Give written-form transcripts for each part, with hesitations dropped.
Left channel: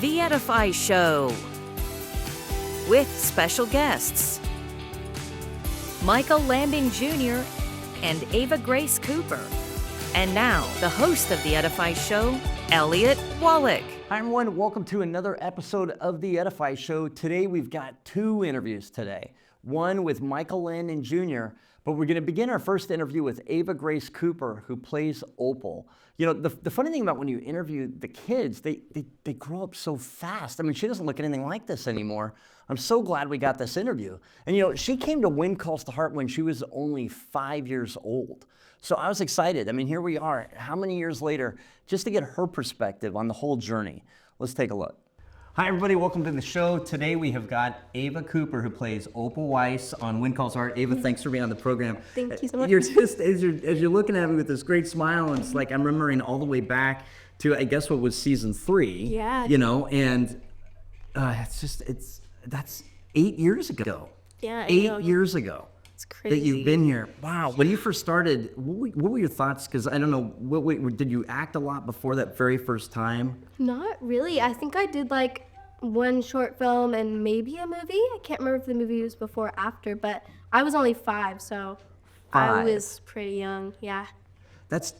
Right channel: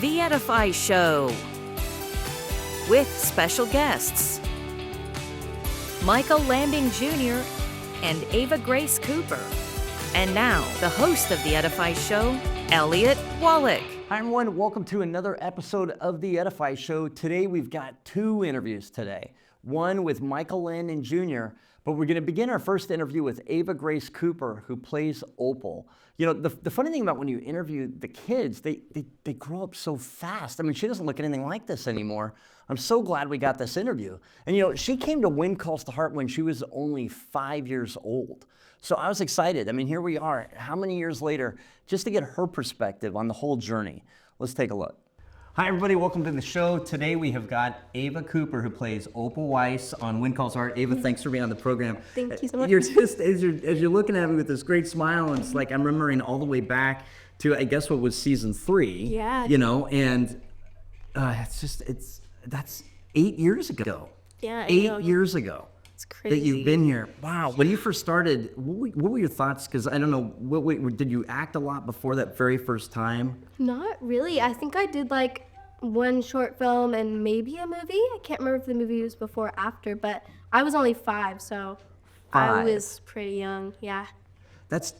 The Edify Show with special guests MIchael Landon Jr. and Ava Grace Cooper. And now, the host of The Edify Show, Elliott. Hi everyone, welcome to another episode of The Edify Show. Today we've got two interviews today. One with MIchael Landon Jr., but we're going to begin our first interview with Ava Grace Cooper, who plays Opal. You know, the funny thing about when you interview the kids, they grow up so fast. I mean, she doesn't look anything like this anymore. I'm so glad we got this interview. And you know, she came to Wind Calls to Heart when she was only 5 years old. So I was excited. I mean, here we are, how many years later, just to get her perspective on the whole journey. Let's take a look. Hi everybody, welcome to the show. Today we have got Ava Cooper, who plays Opal Weiss on Wind Calls to Heart. Ava, thanks for being on the program. Thank you so much. You're just, as you're looking at me with this great smile, and it's like I'm remembering all the way back to, I guess, what was season 3. Yeah. You know, and that's 8 years ago. Yeah, 8 years ago. It's crazy. That you've been here. Wow. When you first started, what were your thoughts? Because I don't know, did you act a lot before that very first time? Not really. I think I did like one short film and maybe a movie. I can't remember if the movie was before or after, but I was only 5, so I was pretty young. Yeah. That's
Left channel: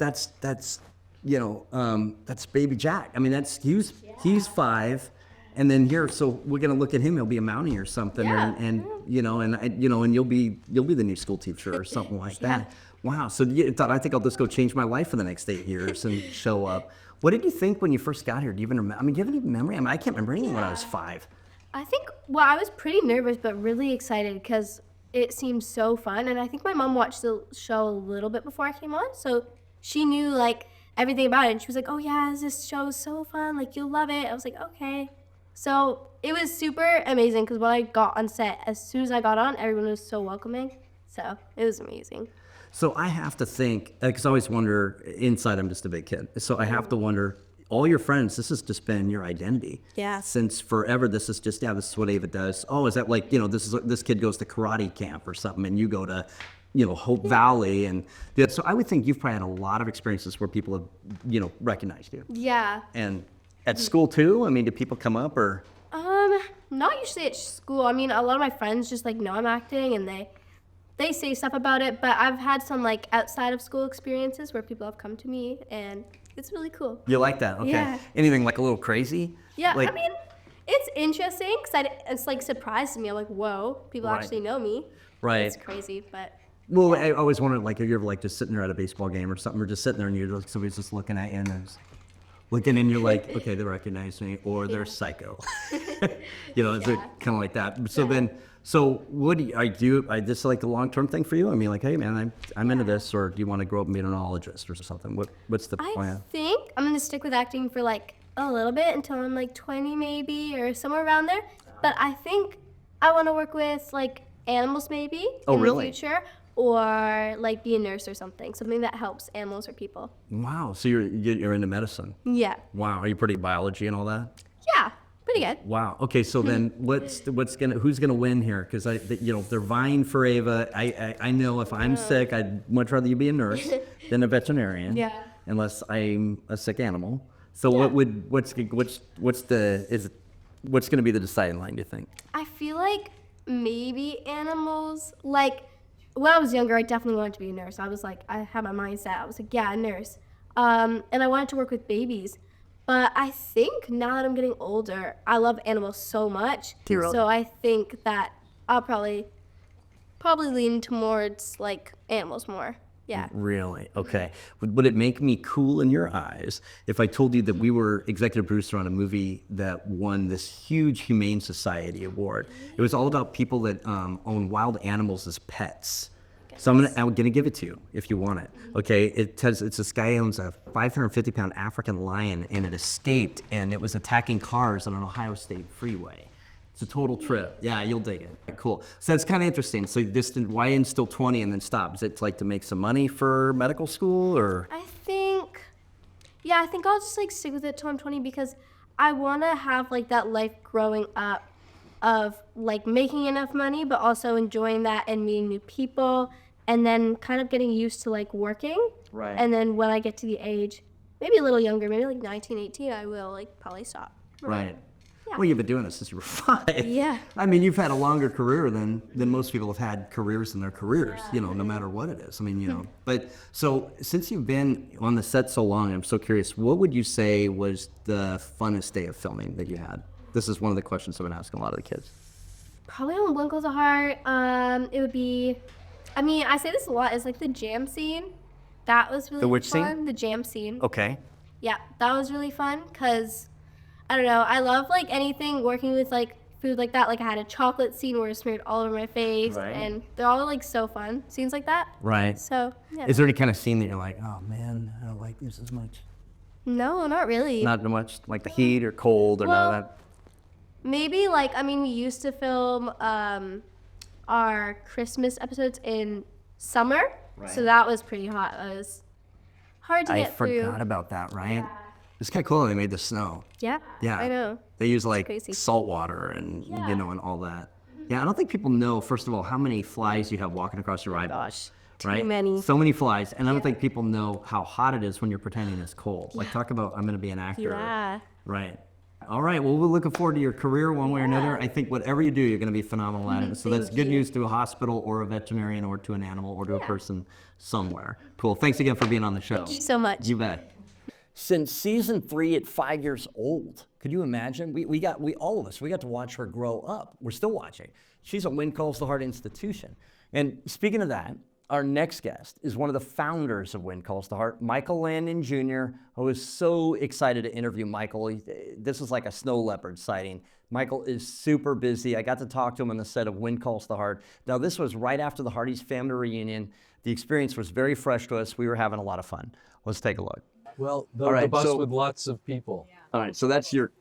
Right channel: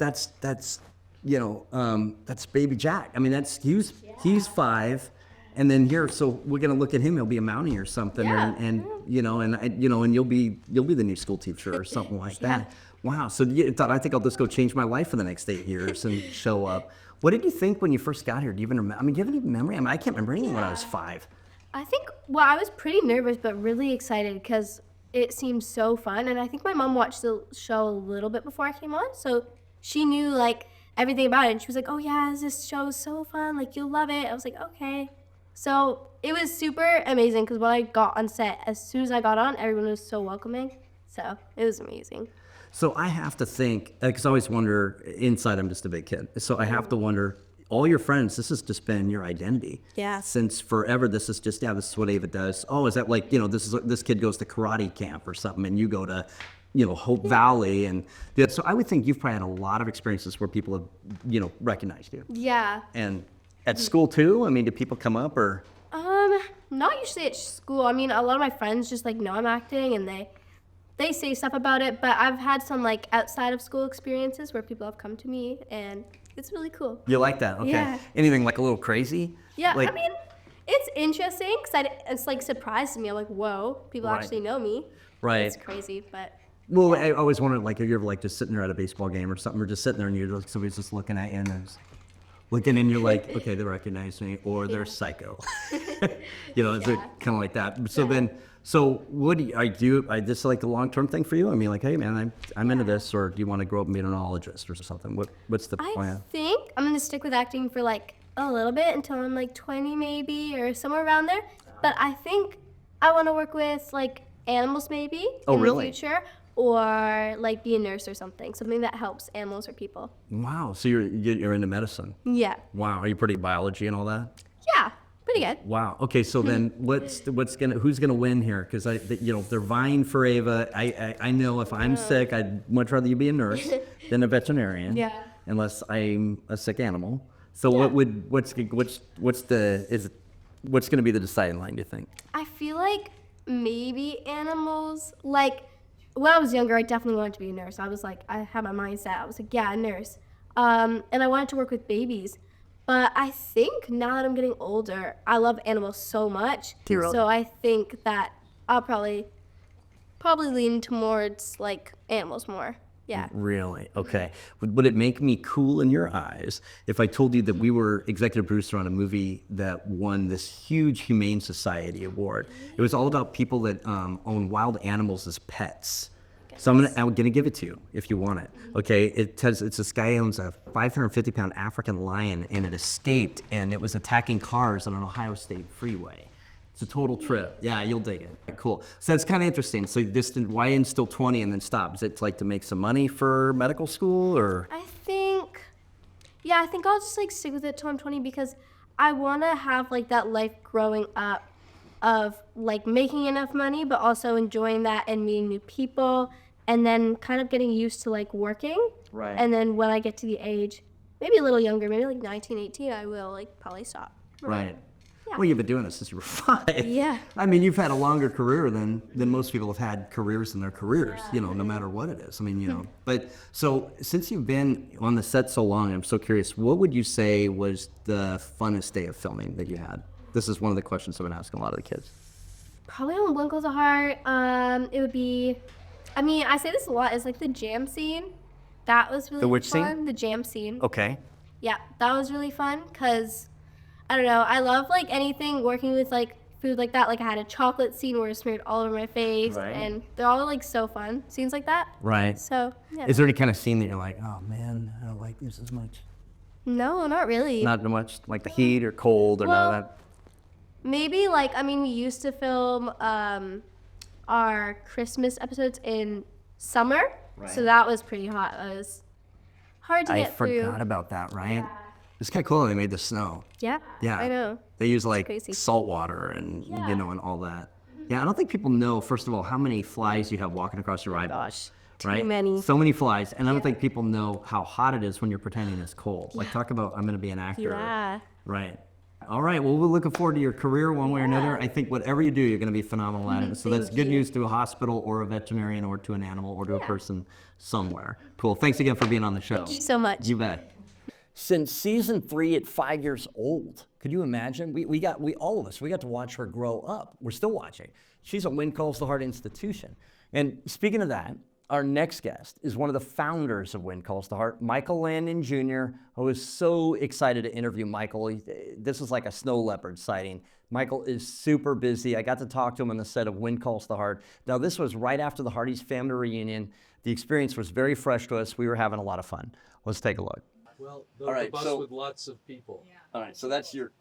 you know, that's baby Jack. I mean, he's 5. And then here, so we're gonna look at him. He'll be a Mountie or something, Yeah. and you'll be the new school teacher or something like that. Yeah. Wow. So you thought, I think I'll just go change my life for the next 8 years and show up. What did you think when you first got here? Do you even remember? I mean, do you have any memory? I mean, I can't remember anything when I was 5. I think, well, I was pretty nervous but really excited because it seemed so fun. And I think my mom watched the show a little bit before I came on, so she knew like everything about it. And she was like, "Oh yeah, this show is so fun. Like you'll love it." I was like, "Okay." So it was super amazing because when I got on set, as soon as I got on, everyone was so welcoming. So it was amazing. So I have to think, because I always wonder, inside I'm just a big kid, so I have to wonder, all your friends, this has just been your identity. Yeah. Since forever, this is just, this is what Ava does. Oh, is that like, this kid goes to karate camp or something, and you go to, Hope Valley, and so I would think you've probably had a lot of experiences where people have, recognized you. Yeah. And at school too? I mean, do people come up or? Not usually at school. I mean, a lot of my friends just like know I'm acting and they say stuff about it, but I've had some like outside of school experiences where people have come to me and it's really cool. You like that? Okay. Yeah. Anything like a little crazy? Yeah, like, I mean, it's interesting because it's like surprised me. I'm like, whoa, people Right. actually know me. Right. It's crazy, but. Well, I always wondered, like, if you're ever like just sitting there at a baseball game or something, or just sitting there and you're like, somebody's just looking at you and there's looking and you're like, okay, they recognize me, or they're psycho. Is it kind of like that? So then, what do you, I just like a long-term thing for you? I mean, like, hey man, I'm into this, or do you want to grow up and be an onologist or something? What's the plan? I think I'm gonna stick with acting for like a little bit until I'm like 20 maybe, or somewhere around there. But I think I want to work with like animals maybe in the future. Or like be a nurse or something that helps animals or people. Wow, so you're into medicine? Yeah. Wow, are you pretty biology and all that? Yeah, pretty good. Wow. Okay, so then who's gonna win here? Because they're vying for Ava. I know if I'm sick, I'd much rather you be a nurse than a veterinarian. Yeah. Unless I'm a sick animal. So what's gonna be the deciding line? Do you think? I feel like maybe animals. Like when I was younger, I definitely wanted to be a nurse. I was like, I had my mindset. I was like, yeah, a nurse. And I wanted to work with babies. But I think now that I'm getting older, I love animals so much. So I think that I'll probably lean towards like animals more. Yeah. Really? Okay. Would it make me cool in your eyes if I told you that we were executive producer on a movie that won this huge Humane Society award? It was all about people that own wild animals as pets. So I'm gonna give it to you if you want it. Okay, it's this guy who owns a 550-pound African lion, and it escaped, and it was attacking cars on an Ohio State freeway. It's a total trip. Yeah, you'll dig it. Cool. So that's kind of interesting. So why until 20 and then stop? Is it like to make some money for medical school, or? I think I'll just like stick with it till I'm 20 because I want to have like that life growing up of like making enough money, but also enjoying that and meeting new people, and then kind of getting used to like working. Right. And then when I get to the age, maybe a little younger, maybe like 19, 18, I will like probably stop. Right. Yeah. Well, you've been doing this since you were 5. Yeah. I mean, you've had a longer career than most people have had careers in their careers, no matter what it is. I mean, but so since you've been on the set so long, I'm so curious, what would you say was the funnest day of filming that you had? This is one of the questions I've been asking a lot of the kids. Probably on One Close to Heart, it would be, I mean, I say this a lot, it's like the jam scene. That was really The which fun. scene? The jam scene. Okay. Yeah, that was really fun because, I don't know, I love like anything working with like food like that. Like I had a chocolate scene where it smeared all over my face, Right. and they're all like so fun. Scenes like that. Right. So, yeah. Is there any kind of scene that you're like, oh man, I don't like this as much? No, not really. Not much, like the heat or cold or none of that? Maybe like, I mean, we used to film our Christmas episodes in summer, Right. so that was pretty hot. It was hard to I get through. forgot about that, right? It's kind of cool how they made the snow. Yeah. Yeah. I know. They use like crazy. salt water and, and all that. Yeah, I don't think people know, first of all, how many flies you have walking across your eyeballs. Too Right? many. So many flies. And I don't think people know how hot it is when you're pretending it's cold. Like, talk about, I'm going to be an actor. Yeah. Right. All right. Well, we're looking forward to your career one way or another. I think whatever you do, you're going to be phenomenal at it. So that's good news to a hospital or a veterinarian or to an animal or to a person somewhere. Cool. Thanks again for being on the show. Thank you so much. You bet. Since season 3 at 5 years old, could you imagine? All of us, we got to watch her grow up. We're still watching. She's a When Calls the Heart institution. And speaking of that, our next guest is one of the founders of When Calls the Heart, MIchael Landon Jr. I was so excited to interview Michael. This was like a snow leopard sighting. Michael is super busy. I got to talk to him on the set of When Calls the Heart. Now, this was right after the Hearties Family Reunion. The experience was very fresh to us. We were having a lot of fun. Let's take a look. Well, the, All right, the bus so- with lots of people. All right, so that's your,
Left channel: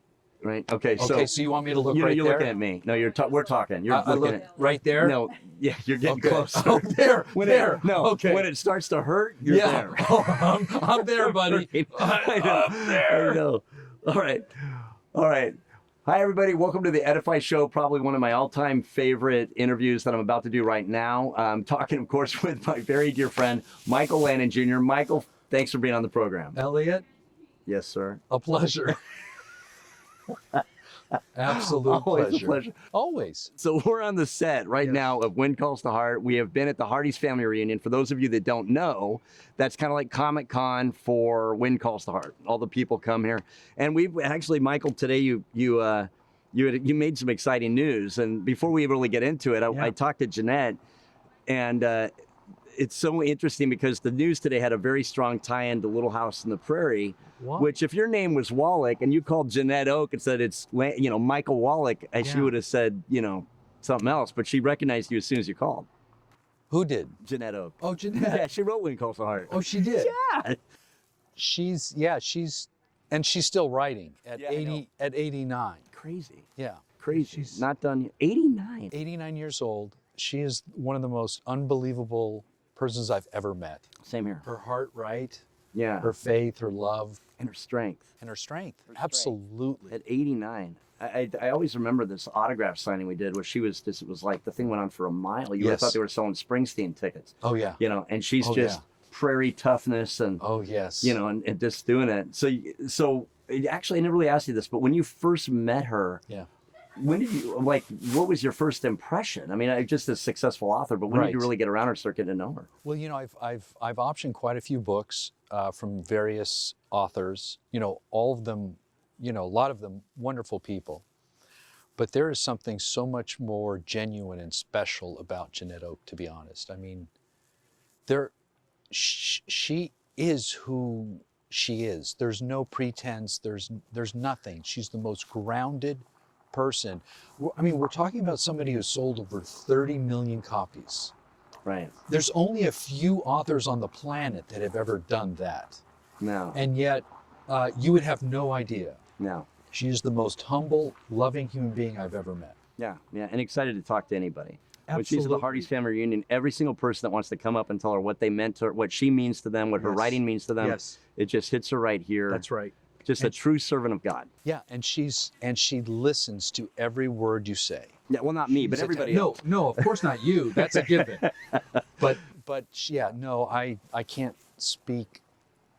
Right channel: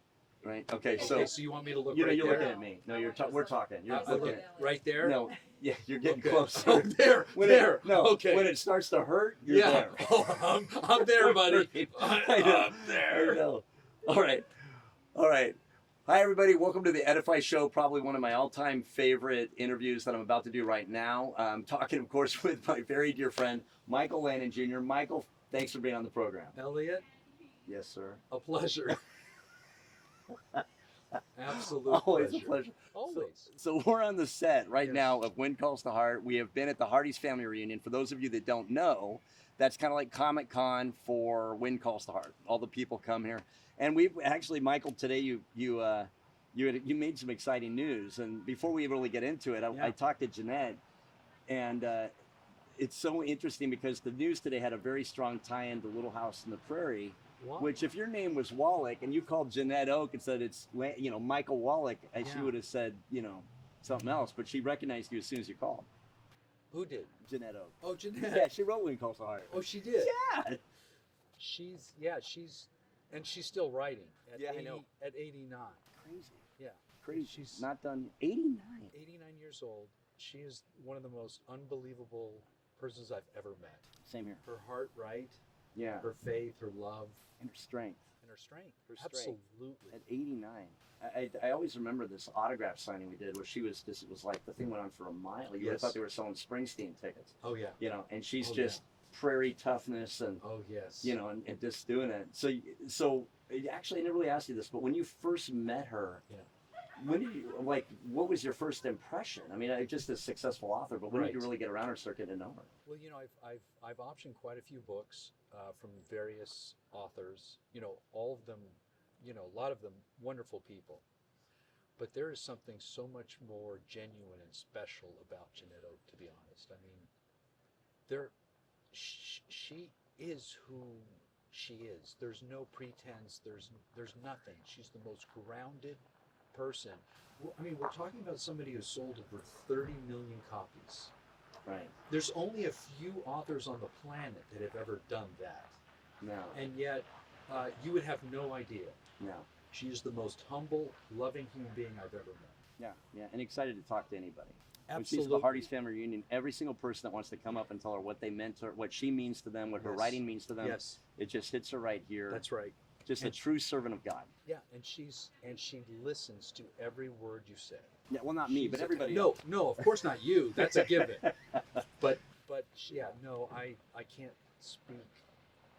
right? Okay, Okay, so you want me to look right you're there? looking at me. No, we're talking. You're I looking look at. right there? No, yeah, you're getting Okay. close. Oh, there, there. No, Okay. when it starts to hurt, you're Yeah. there. Oh, I'm there, buddy. I know. I'm there. I know. All right. Hi, everybody. Welcome to the Edify Show, probably one of my all-time favorite interviews that I'm about to do right now. I'm talking, of course, with my very dear friend, MIchael Landon Jr. Michael, thanks for being on the program. Elliott, Yes, sir. a pleasure. Absolute Always a pleasure. Always. So we're on the set right Yes. now of When Calls the Heart. We have been at the Hearties Family Reunion. For those of you that don't know, that's kind of like Comic-Con for When Calls the Heart. All the people come here. And we've actually, Michael, today you made some exciting news. And before we really get into it, I talked to Jeanette, and it's so interesting because the news today had a very strong tie-in to Little House on the Prairie. What? Which, if your name was Wallach and you called Jeanette Oak and said it's, Michael Wallach, she Yeah. would have said, something else. But she recognized you as soon as you called. Who did? Jeanette Oak. Oh, Jeanette. Yeah, she wrote When Calls the Heart. Oh, she did. Yeah. She's still writing at Yeah, I know. 89. Crazy. Yeah. Crazy. She's Not done yet. 89. 89 years old. She is one of the most unbelievable persons I've ever met. Same here. Her heart right, Yeah. her faith, her love, And her strength. and her strength. Her strength. Absolutely. At 89. I always remember this autograph signing we did where she was just, it was like the thing went on for a mile. You would have Yes. thought they were selling Springsteen tickets. Oh yeah. And she's Oh, just yeah. prairie toughness and Oh yes. and just doing it. So actually, I never really asked you this, but when you first met her, Yeah. when did you what was your first impression? I mean, just a successful author, but when did you Right. really get around her, start getting to know her? Well, I've optioned quite a few books from various authors. All of them, a lot of them wonderful people. But there is something so much more genuine and special about Jeanette Oak, to be honest. I mean, she is who she is. There's no pretense. There's nothing. She's the most grounded person. I mean, we're talking about somebody who sold over 30 million copies. Right. There's only a few authors on the planet that have ever done that. No. And yet, you would have no idea. No. She is the most humble, loving human being I've ever met. Yeah. And excited to talk to anybody. When she's at the Absolutely. Hearties Family Reunion, every single person that wants to come up and tell her what they meant to her, what she means to them, what her Yes. writing means to them, Yes. it just hits her right here. That's right. Just a true servant of God. Yeah, and she listens to every word you say. Yeah, well, not me, but She's a- everybody No, else. no, of course not you. That's a given. But yeah, no, I can't speak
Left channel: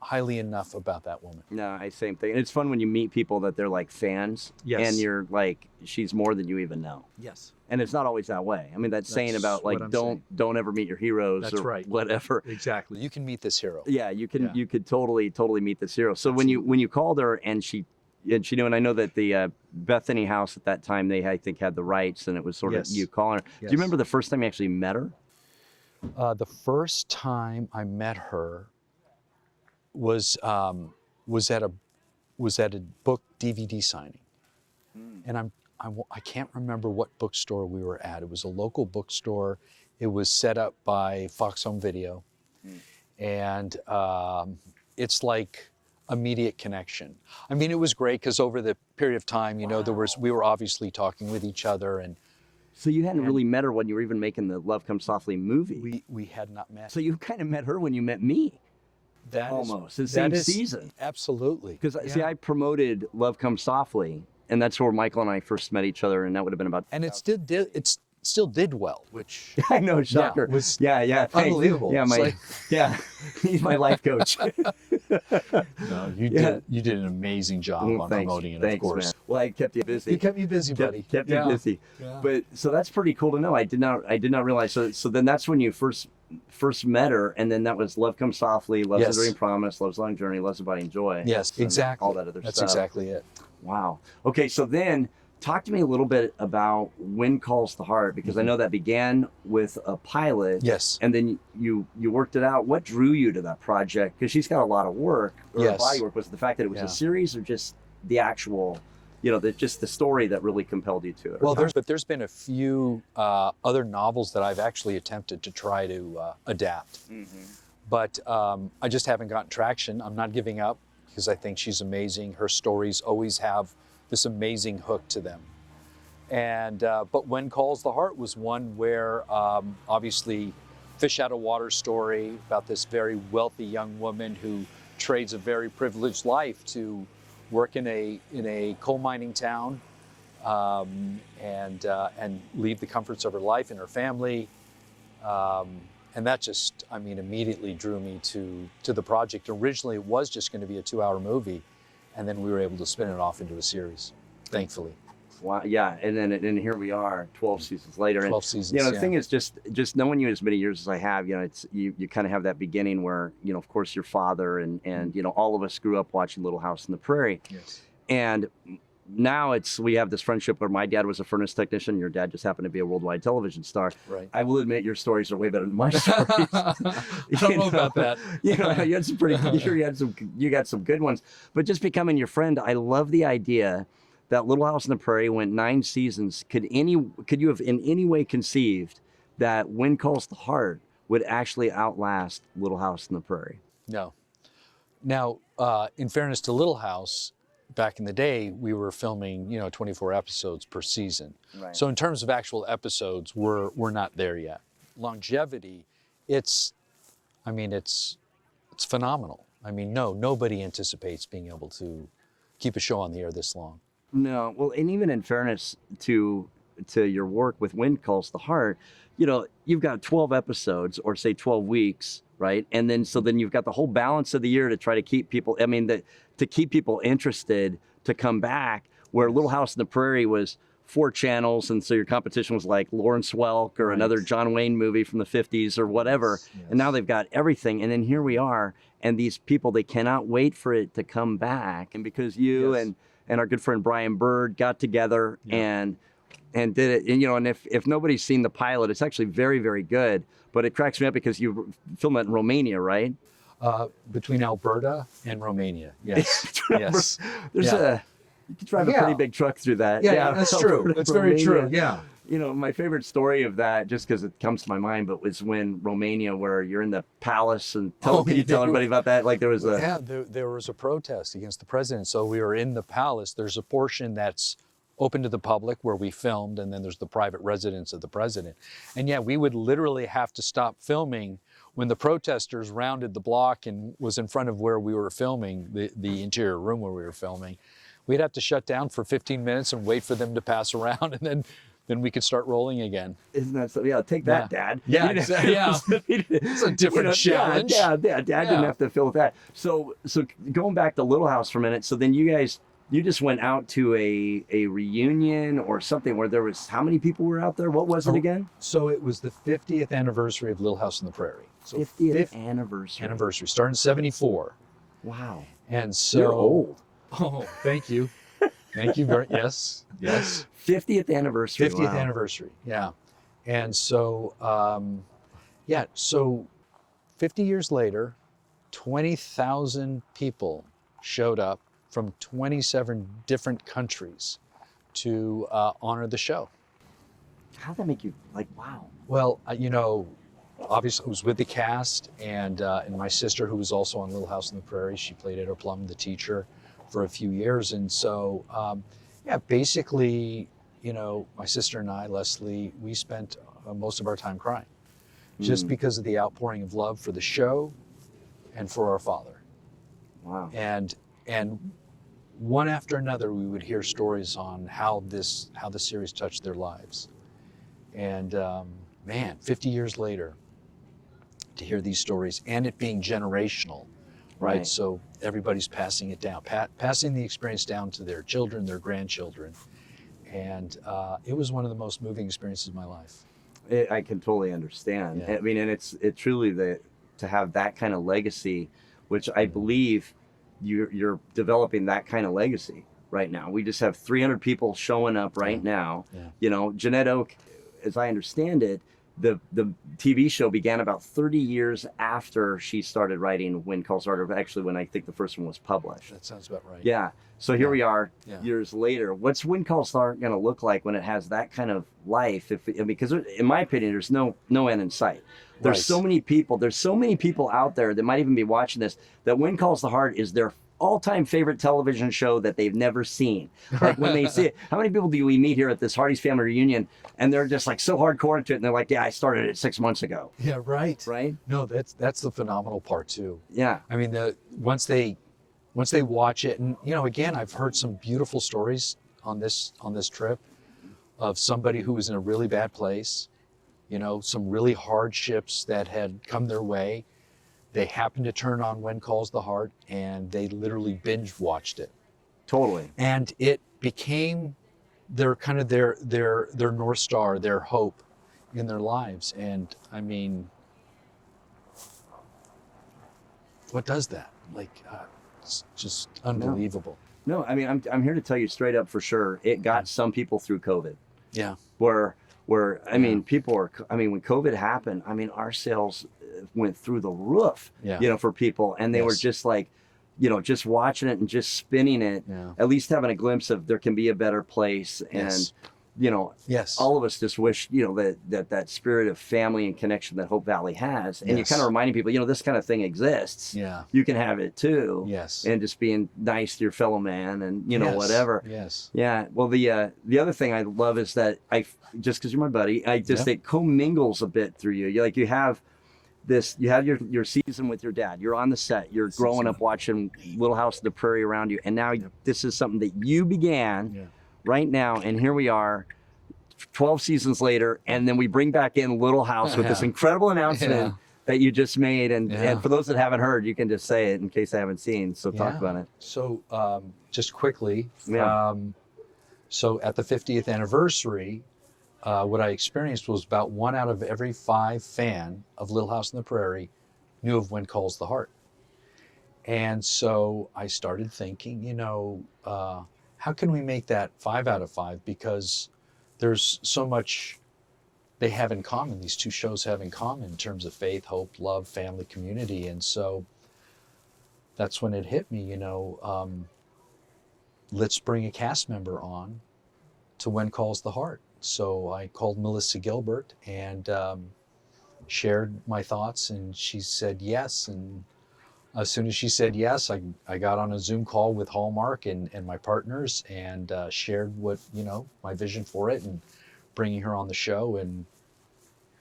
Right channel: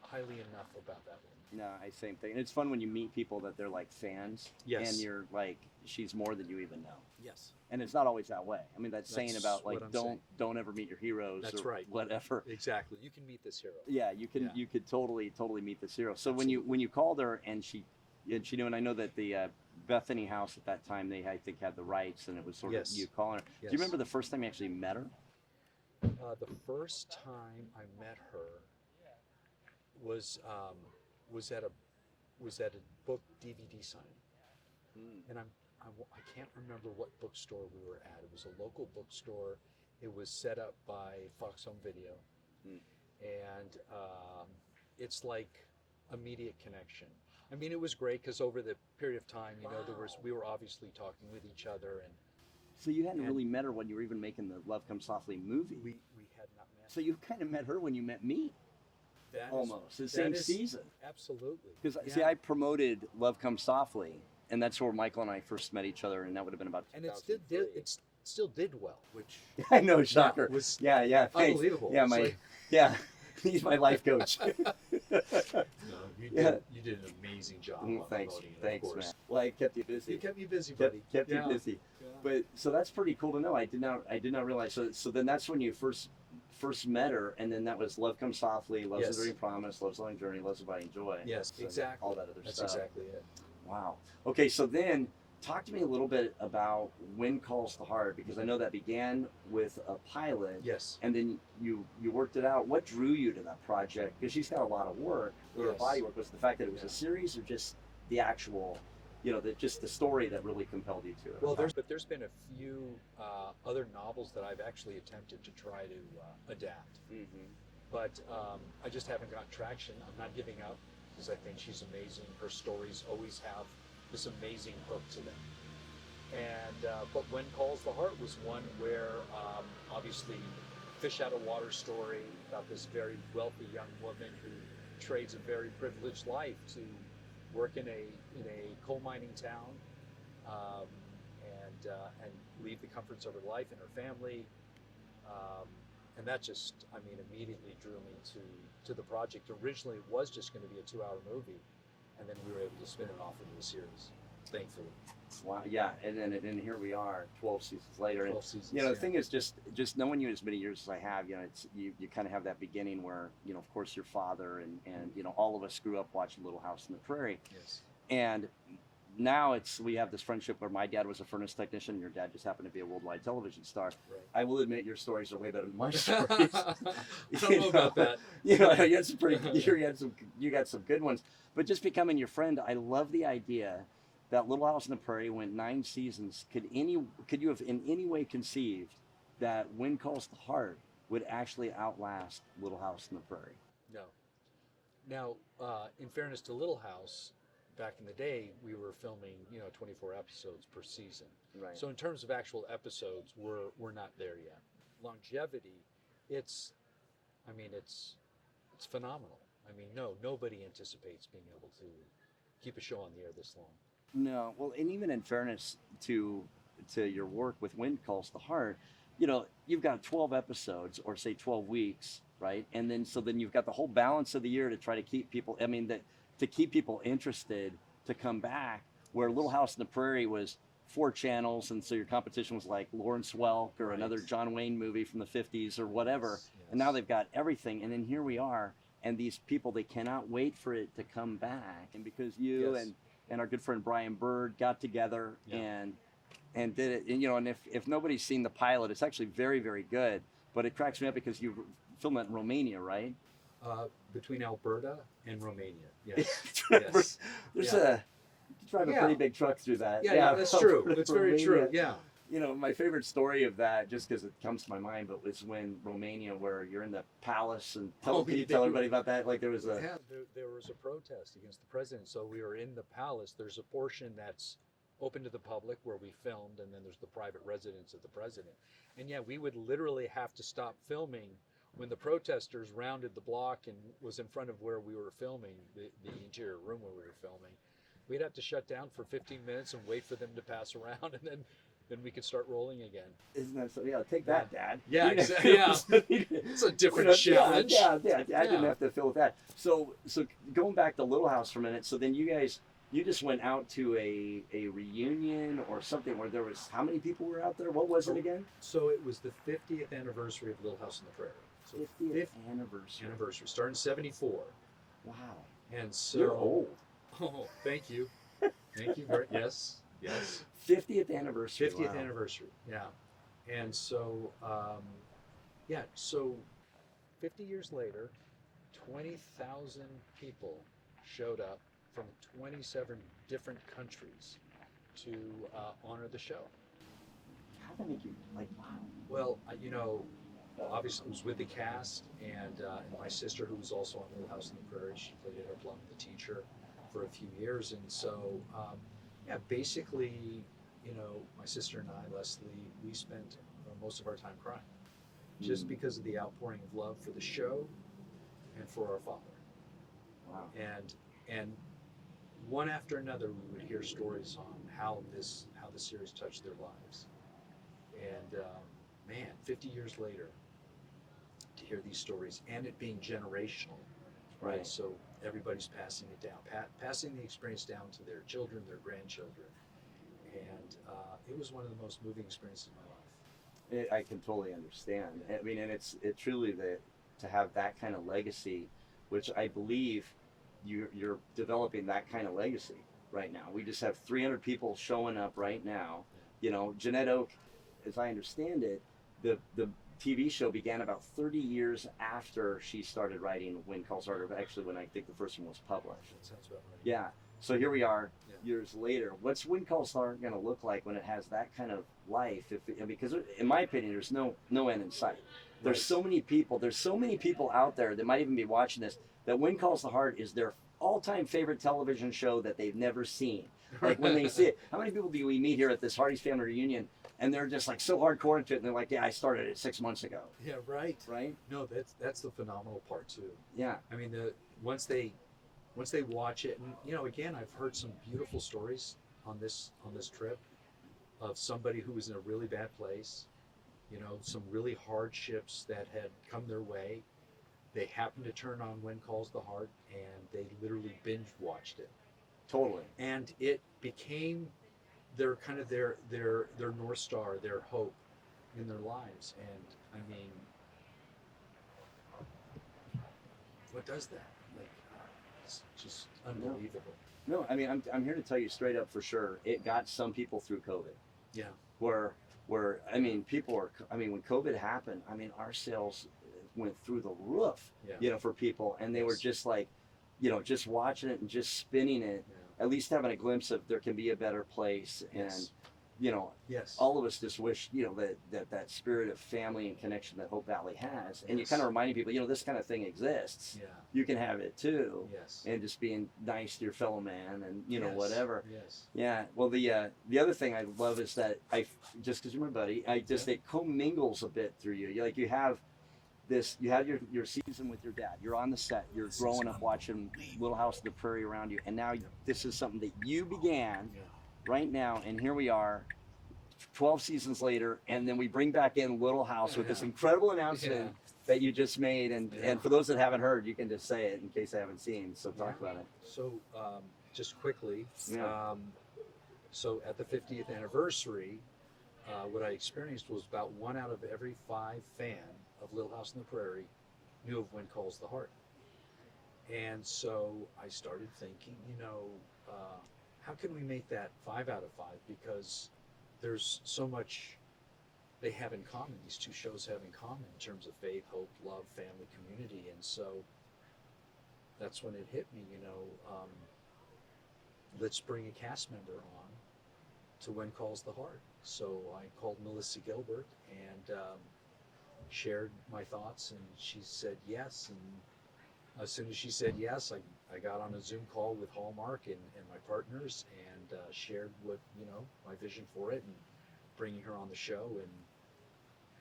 highly enough about that woman. No, same thing. And it's fun when you meet people that they're like fans, Yes. and you're like, she's more than you even know. Yes. And it's not always that way. I mean, that's saying about like don't ever meet your heroes That's or right. whatever. Exactly. You can meet this hero. Yeah, you can Yeah. you could totally meet this hero. So Absolutely. when you called her and she knew, and I know that the Bethany House at that time, they I think had the rights, and it was sort of Yes. you calling her. Do Yes. you remember the first time you actually met her? The first time I met her was at a book DVD signing, and I can't remember what bookstore we were at. It was a local bookstore. It was set up by Fox Home Video, and it's like immediate connection. I mean, it was great because over the period of time, you know, we were obviously talking with each other, and So you hadn't really met her when you were even making the Love Comes Softly movie. we had not met. So you kind of met her when you met me. That is- Almost the that same is- season. Absolutely. Because see, I promoted Love Comes Softly, and that's where Michael and I first met each other, and that would have been about. And it still did well, which I know, shocker. was Yeah, thanks. unbelievable. Yeah, It's yeah, he's my life coach. no, you did an amazing job on Thanks, promoting it, thanks, of course. man. Well, I kept you busy. You kept me busy, buddy. Kept you busy. Yeah. But so that's pretty cool to know. I did not realize. So then that's when you first met her, and then that was Love Comes Softly, Love's Yes. a Dream Promise, Love's a Long Journey, Love's Abiding Joy. Yes, and exactly. all that other That's stuff. exactly it. Wow. Okay, so then talk to me a little bit about When Calls the Heart, because I know that began with a pilot. Yes. And then you worked it out. What drew you to that project? Because she's got a lot of work, or Yes. body work. Was it the fact that it was Yeah. a series, or just the actual, just the story that really compelled you to it? Well, there's been a few other novels that I've actually attempted to try to adapt, but I just haven't gotten traction. I'm not giving up because I think she's amazing. Her stories always have this amazing hook to them. And but When Calls the Heart was one where obviously fish out of water story about this very wealthy young woman who trades a very privileged life to work in a coal mining town and leave the comforts of her life and her family. And that just, I mean, immediately drew me to the project. Originally, it was just going to be a 2-hour movie, and then we were able to spin it off into a series, thankfully. Wow, yeah, and here we are, 12 seasons later. 12 and, seasons, the yeah. thing is, just knowing you as many years as I have, it's you kind of have that beginning where, of course, your father and all of us grew up watching Little House on the Prairie. Yes. And now we have this friendship where my dad was a furnace technician. Your dad just happened to be a worldwide television star. Right. I will admit your stories are way better than my stories. I don't know about that. You had some pretty. You got some good ones. But just becoming your friend, I love the idea that Little House on the Prairie went 9 seasons. Could you have in any way conceived that When Calls the Heart would actually outlast Little House on the Prairie? No. Now, in fairness to Little House, back in the day, we were filming, 24 episodes per season. Right. So in terms of actual episodes, we're not there yet. Longevity, it's phenomenal. I mean, nobody anticipates being able to keep a show on the air this long. No, well, and even in fairness to your work with When Calls the Heart, you've got 12 episodes, or say 12 weeks, right? And then you've got the whole balance of the year to try to keep people. I mean, to keep people interested to come back. Where Little House on the Prairie was 4 channels, and so your competition was like Lawrence Welk or another John Wayne movie from the 50s or whatever. Yes. And now they've got everything. And then here we are, and these people, they cannot wait for it to come back. And because you and our good friend Brian Bird got together and did it, and if nobody's seen the pilot, it's actually very, very good. But it cracks me up because you filmed it in Romania, right? Between Alberta and Romania, yes. Yes. There's you can drive a pretty big truck through that. Yeah, that's true. That's very true, yeah. My favorite story of that, just because it comes to my mind, but was when Romania, where you're in the palace, and can you tell everybody about that? Like there was there was a protest against the president, so we were in the palace. There's a portion that's open to the public where we filmed, and then there's the private residence of the president. And we would literally have to stop filming when the protesters rounded the block and was in front of where we were filming, the interior room where we were filming. We'd have to shut down for 15 minutes and wait for them to pass around, and then then we could start rolling again. Isn't that so? Yeah, take that, Dad. Yeah, exactly. Yeah. It's a different challenge. Yeah, Dad didn't have to fill with that. So going back to Little House for a minute, so then you just went out to a reunion or something where there was, how many people were out there? What was it again? So it was the 50th anniversary of Little House on the Prairie. So 50th anniversary. Anniversary, starting in 74. Wow. And so. You're old. Oh, thank you. Thank you very, yes. 50th anniversary. 50th wow. anniversary, yeah. And so, so 50 years later, 20,000 people showed up from 27 different countries to honor the show. How'd that make you, like, wow? Well, obviously it was with the cast and my sister, who was also on Little House on the Prairie. She played Etta Plum, the teacher, for a few years. And so, basically, my sister and I, Leslie, we spent most of our time crying just because of the outpouring of love for the show and for our father. Wow. And one after another, we would hear stories on how the series touched their lives. And 50 years later, to hear these stories and it being generational, right? So everybody's passing it down, passing the experience down to their children, their grandchildren. And it was one of the most moving experiences of my life. I can totally understand. Yeah. I mean, and it's truly to have that kind of legacy, which I believe you're developing that kind of legacy right now. We just have 300 people showing up right now. Yeah. Jeanette Oak, as I understand it, the TV show began about 30 years after she started writing When Calls the Heart, actually when I think the first one was published. That sounds about right. Yeah. So here we are years Yeah. later. What's When Calls the Heart going to look like when it has that kind of life? Because in my opinion, there's no end in sight. There's so many people. There's so many people out there that might even be watching this that When Calls the Heart is their all-time favorite television show that they've never seen. Like when they see it, how many people do we meet here at this Hearties Family Reunion and they're just like so hardcore into it and they're like, yeah, I started it 6 months ago. Yeah, right. Right? No, that's the phenomenal part too. Yeah. I mean, once they watch it, and again, I've heard some beautiful stories on this trip of somebody who was in a really bad place, some really hardships that had come their way. They happened to turn on When Calls the Heart, and they literally binge watched it. Totally. And it became their North Star, their hope in their lives. And I mean, what does that? Like, it's just unbelievable. No, I mean, I'm here to tell you straight up for sure. It got some people through COVID. Yeah. Where I mean, when COVID happened, I mean, our sales went through the roof, for people. And they were just like, just watching it and just spinning it, at least having a glimpse of there can be a better place. And, all of us just wish, that spirit of family and connection that Hope Valley has. And you're kind of reminding people, this kind of thing exists. Yeah. You can have it too. Yes. And just being nice to your fellow man and, whatever. Yes. Yeah. Well, the other thing I love is that just because you're my buddy, it commingles a bit through you. You have this, you have your season with your dad. You're on the set. You're growing up watching Little House on the Prairie around you. And now this is something that you began right now. And here we are 12 seasons later. And then we bring back in Little House with this incredible announcement that you just made. And for those that haven't heard, you can just say it in case I haven't seen. So talk about it. So just quickly, so at the 50th anniversary, what I experienced was about 1 out of every 5 fan of Little House on the Prairie knew of When Calls the Heart. And so I started thinking, how can we make that 5 out of 5? Because there's so much they have in common, these two shows have in common in terms of faith, hope, love, family, community. And so that's when it hit me, let's bring a cast member on to When Calls the Heart. So I called Melissa Gilbert and shared my thoughts, and she said yes. And as soon as she said yes, I got on a Zoom call with Hallmark and my partners and shared what, my vision for it and bringing her on the show. And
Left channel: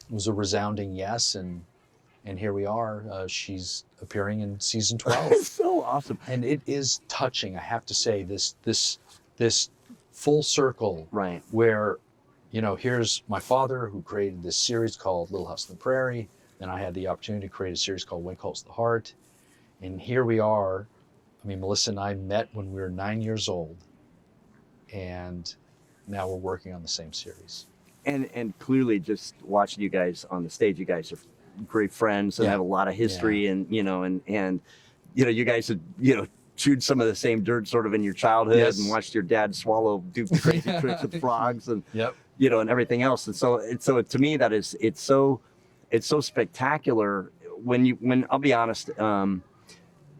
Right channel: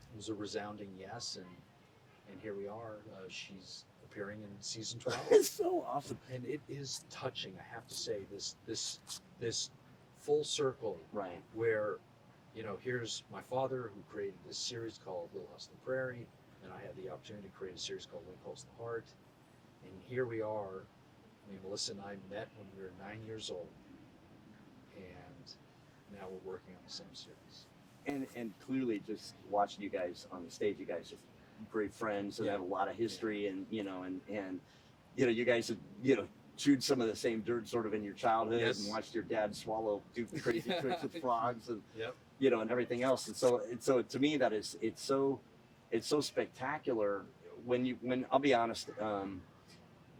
it was a resounding yes. And here we are. She's appearing in season 12. It's so awesome. And it is touching, I have to say, this full circle, right, where here's my father who created this series called Little House on the Prairie. Then I had the opportunity to create a series called Wind Calls the Heart. And here we are. I mean, Melissa and I met when we were 9 years old. And now we're working on the same series. And clearly, just watching you guys on the stage, you guys are great friends and have a lot of history, and you guys have chewed some of the same dirt sort of in your childhood, and watched your dad do crazy tricks with frogs, and and everything else. And so to me, that is it's so spectacular when I'll be honest.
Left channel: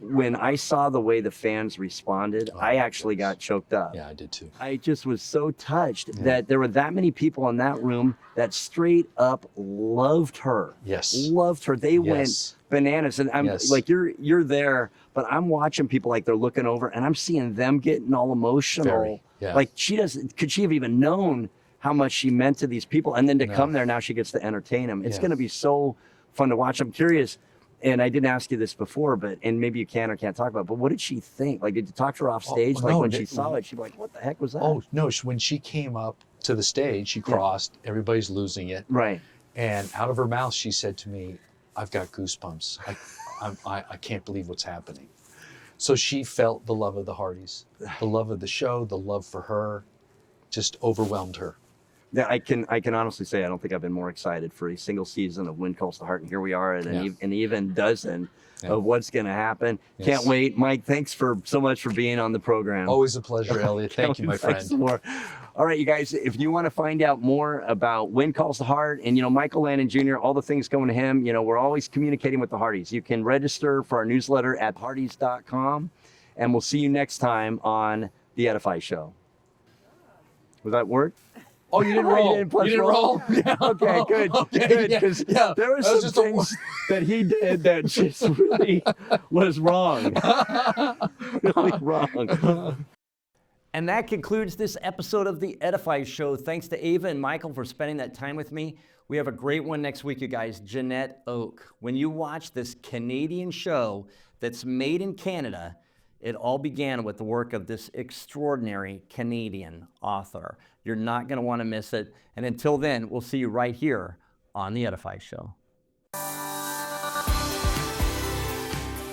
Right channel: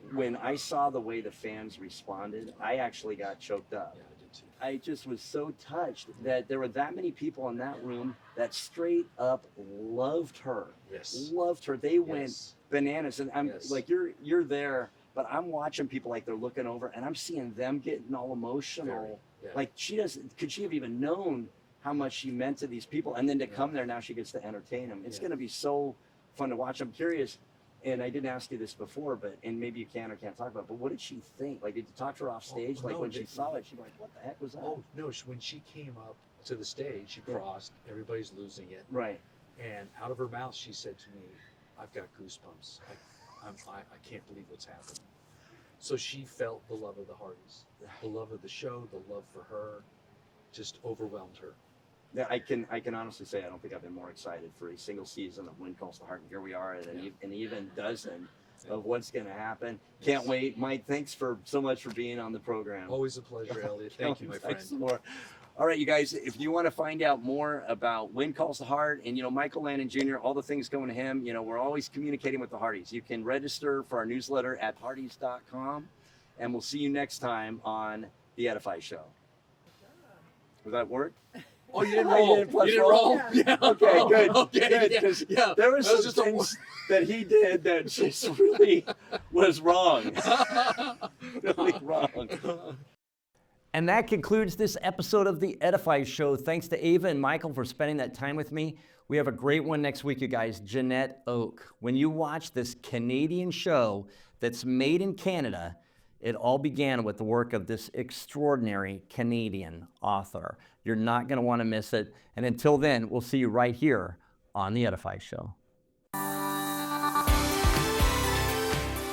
When I saw the way the fans responded, I actually got choked up. Yeah, I did too. I just was so touched that there were that many people in that room that straight up loved her. Yes. Loved her. They went bananas. And I'm like, you're there, but I'm watching people like they're looking over, and I'm seeing them getting all emotional. Like could she have even known how much she meant to these people? And then to come there, now she gets to entertain them. It's going to be so fun to watch. I'm curious. And I didn't ask you this before, and maybe you can or can't talk about it, but what did she think? Like, did you talk to her off stage? When she saw it, she'd be like, what the heck was that? Oh, no, when she came up to the stage, she crossed, everybody's losing it. Right. And out of her mouth, she said to me, I've got goosebumps. I can't believe what's happening. So she felt the love of the Hearties, the love of the show, the love for her, just overwhelmed her. Yeah, I can honestly say I don't think I've been more excited for a single season of Wind Calls the Heart, and here we are at an even dozen of what's going to happen. Can't wait. Mike, thanks so much for being on the program. Always a pleasure, Elliott. Thank you, my friend. All right, you guys, if you want to find out more about Wind Calls the Heart and, Michael Landon Jr., all the things going to him, we're always communicating with the Hearties. You can register for our newsletter at hearties.com, and we'll see you next time on The Edify Show. Was that work? Oh, you didn't roll. You didn't roll? Yeah. Okay, good. Okay, Good. Because there were some things that he did that just really was wrong. Really wrong. And that concludes this episode of The Edify Show. Thanks to Ava and Michael for spending that time with me. We have a great one next week, you guys. Jeanette Oak. When you watch this Canadian show that's made in Canada, it all began with the work of this extraordinary Canadian author. You're not going to want to miss it. And until then, we'll see you right here on The Edify Show.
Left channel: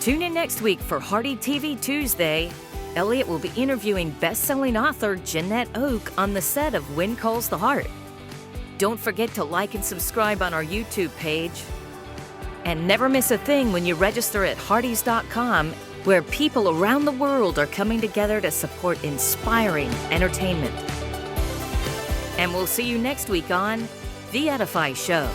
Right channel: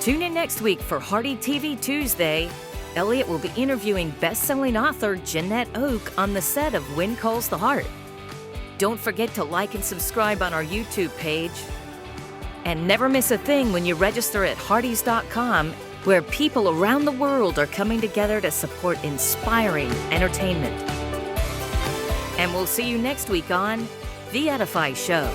Tune in next week for Hearty TV Tuesday. Elliott will be interviewing best-selling author Jeanette Oak on the set of Wind Calls the Heart. Don't forget to like and subscribe on our YouTube page. And never miss a thing when you register at Hearties.com, where people around the world are coming together to support inspiring entertainment. And we'll see you next week on The Edify Show.